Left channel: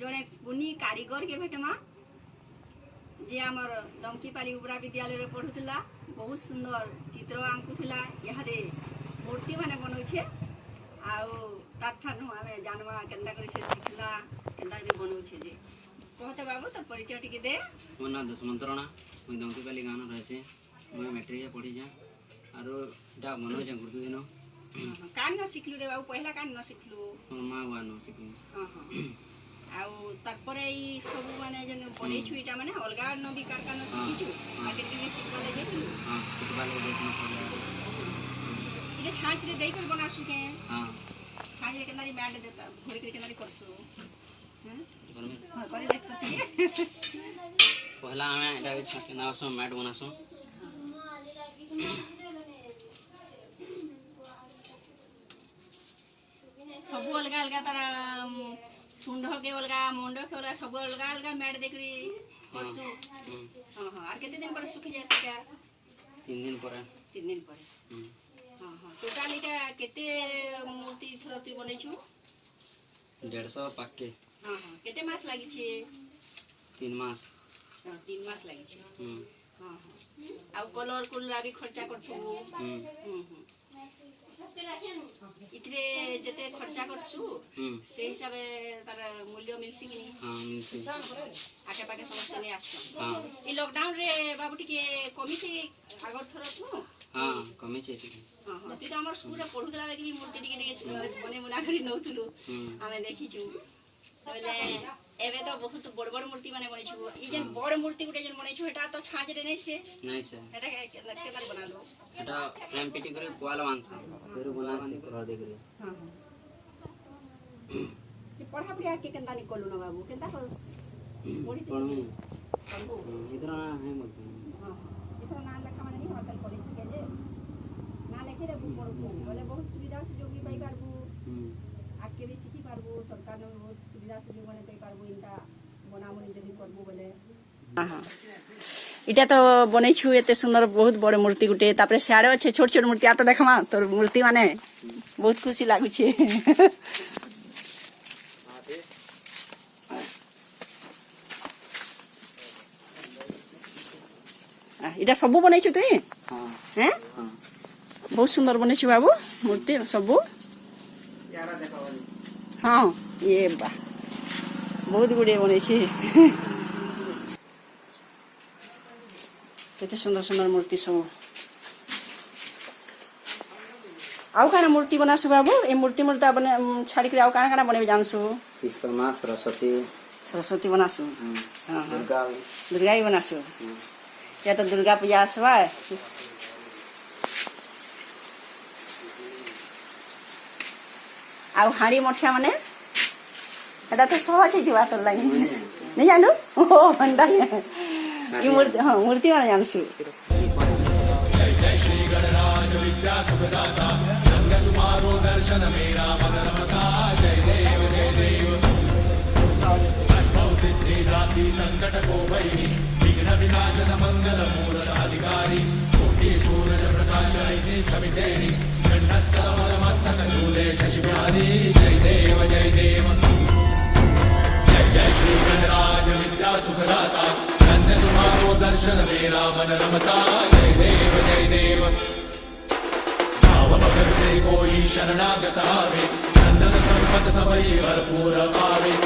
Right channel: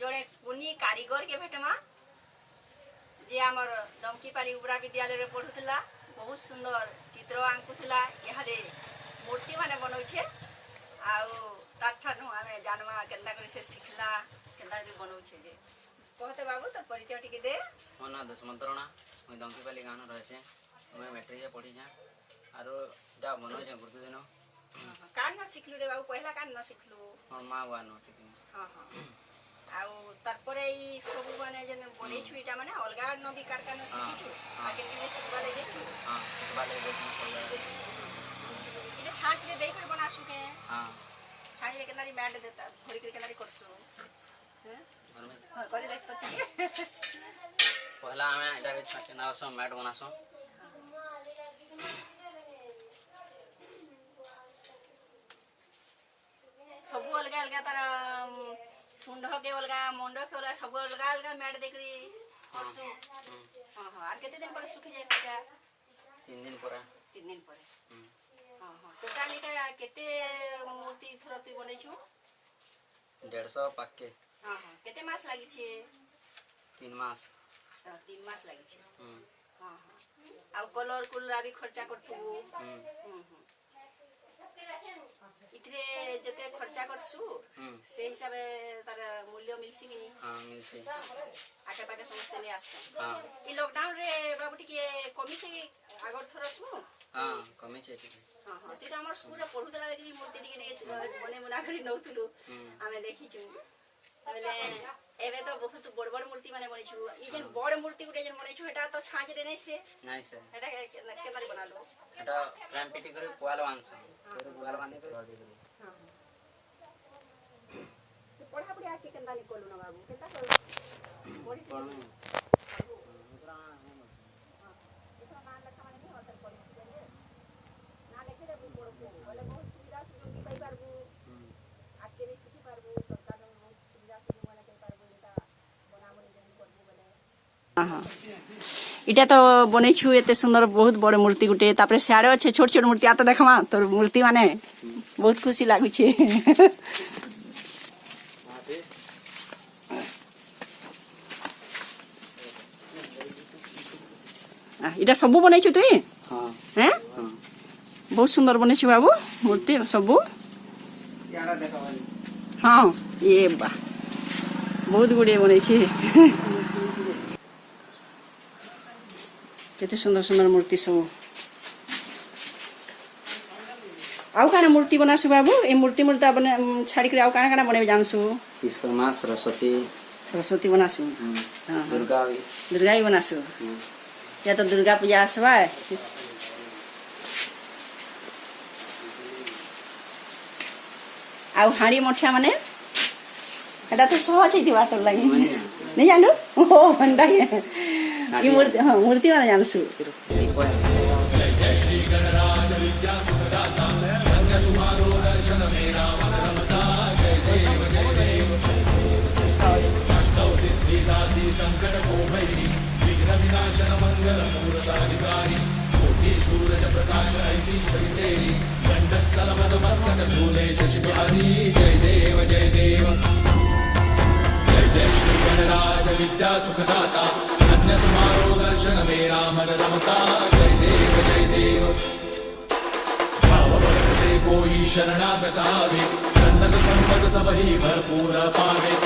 जड़े कुनी कारीगर के भेटमा जे आमर दमकीपाली उपरा विद्यालय पढ़ुला बहुत सुंदर चित्र आंकुला यहाँ मूर्ति माने बनौछे आउ आमे जानवा केंदा करी से सिखला केंदा करी बनौछे जे कहते बाबू तो परिचय टिके दे। मोर ना दुष्मंत राणा मुई दमकीपाली गाँव रहे मुई मैट्रिक पढ़ी जा आरो डा बनौछे गुरु दिन कान न सिखलु रे बाबू पहला कान न सिखलु मोर माँ बुआ न सिखलु। हां हां आउ तारपरे ई सब माने जने बनेछु इटा माने अलगा न भी कारका न सिखिछु आ केते सिखबा ले जेतु। हां सिखबा ले जेतु मतलब इके छाछ रे देई कर बनासु के। हां छाछ रे केनारी बैंड देता घोरी के केनारी करसु हैं घर में हां करे देख तो पहला हमें एटा के छाछ ना सो मैट बनासु सब अलगा अलगा तार सुंड के अलगा मुंड के अलगा सब अलगा अलगा मैट देखरी करसु। हां हां आर केते दिन पर सुखी जाय सका 3 दिन पर 3 दिन पर। हां हां टोटल इटा केते मूर्ति थर तू बनेछु 150 पाके। हां हां केते मास लागि छे 3 मास 3 मास लागि छे। हां हां आ कलर कुलरा भी खर्चा करथु इतरे जते खर्चा करसु से हिसाब तार मूल्य मिलसी कि नहीं। हां मिलसी आके पाके समस्त ने आछो। हां ई लॉकडाउन रे बाबू टिके कमी छे आगर थर तू। हां कमी छे ठीक। हां हां तू तो हमर स्कूल रे पढुतला लेकिन मूर्ति टिके बने मुना करी नउतुलु आमे देखिछु बोले एबे तो बहुत बड़ बड़ मूर्ति माने बनेछु ई जन बड़ मूर्ति गुटे जन बनेछु एटा तो छाज रे नहीं से एटा केनारी बनालो एटा फ्रेम पिटी करे पोआल वांस तोरे बना से कलर दे करे। हां ये पढ़ा पढ़िया के केंदा निकलु न बाबू केंदा कर मोड़ी पढ़ में इतना है मत। हां इतना ना लिखा माने नहीं होतल पढ़ी के जे ना लिखे रे बुक पढ़ू बोले बहुत सुविधा सुयोग भी पाई पारबू आके भी सीखी पारबू सरकार ने बहुत सुविधा सुयोग माने पाई पारबू इनका बनावनी जदी करबू बोले। हां इटा तो बनेछु एते सुंदर बहुत बड़ मूर्ति गुटे तापरे साडे अच्छे छोट छोट मूर्ति आ तो देखमा तोर मूर्ति माने बहुत खुशी लागु छे। इटा सब बनेछु तुई। हां हैं बहुत सुंदर बनेछु बाबू मूर्ति सब। यारा देखावानी हां ये बा बहुत गुडे बने छे केते सुंदर सुंदर मूर्ति सब। आउ काना मूर्ति बनासु बाबू ए मूर्ति मूर्ति बने छाड़ी के आउ काना काना बने जानसु विश्वकर्मा सरस्वती बनासु। हां दुर्गा भी बनासु या तो दुर्गा पूजा आसवा आउ हाड़ी मठिया माने एटा तो सहज दिवा तो लागि नहीं जानू ओ भंडा ये मूर्ति हां मूर्ति माने जानसु। सुखदाता धन्य तुम्हारो दर्शन मेरा मन रमता जय देव भाव भगत से कोई शरणागत आवे संतन संपद सबही भरपूर पावे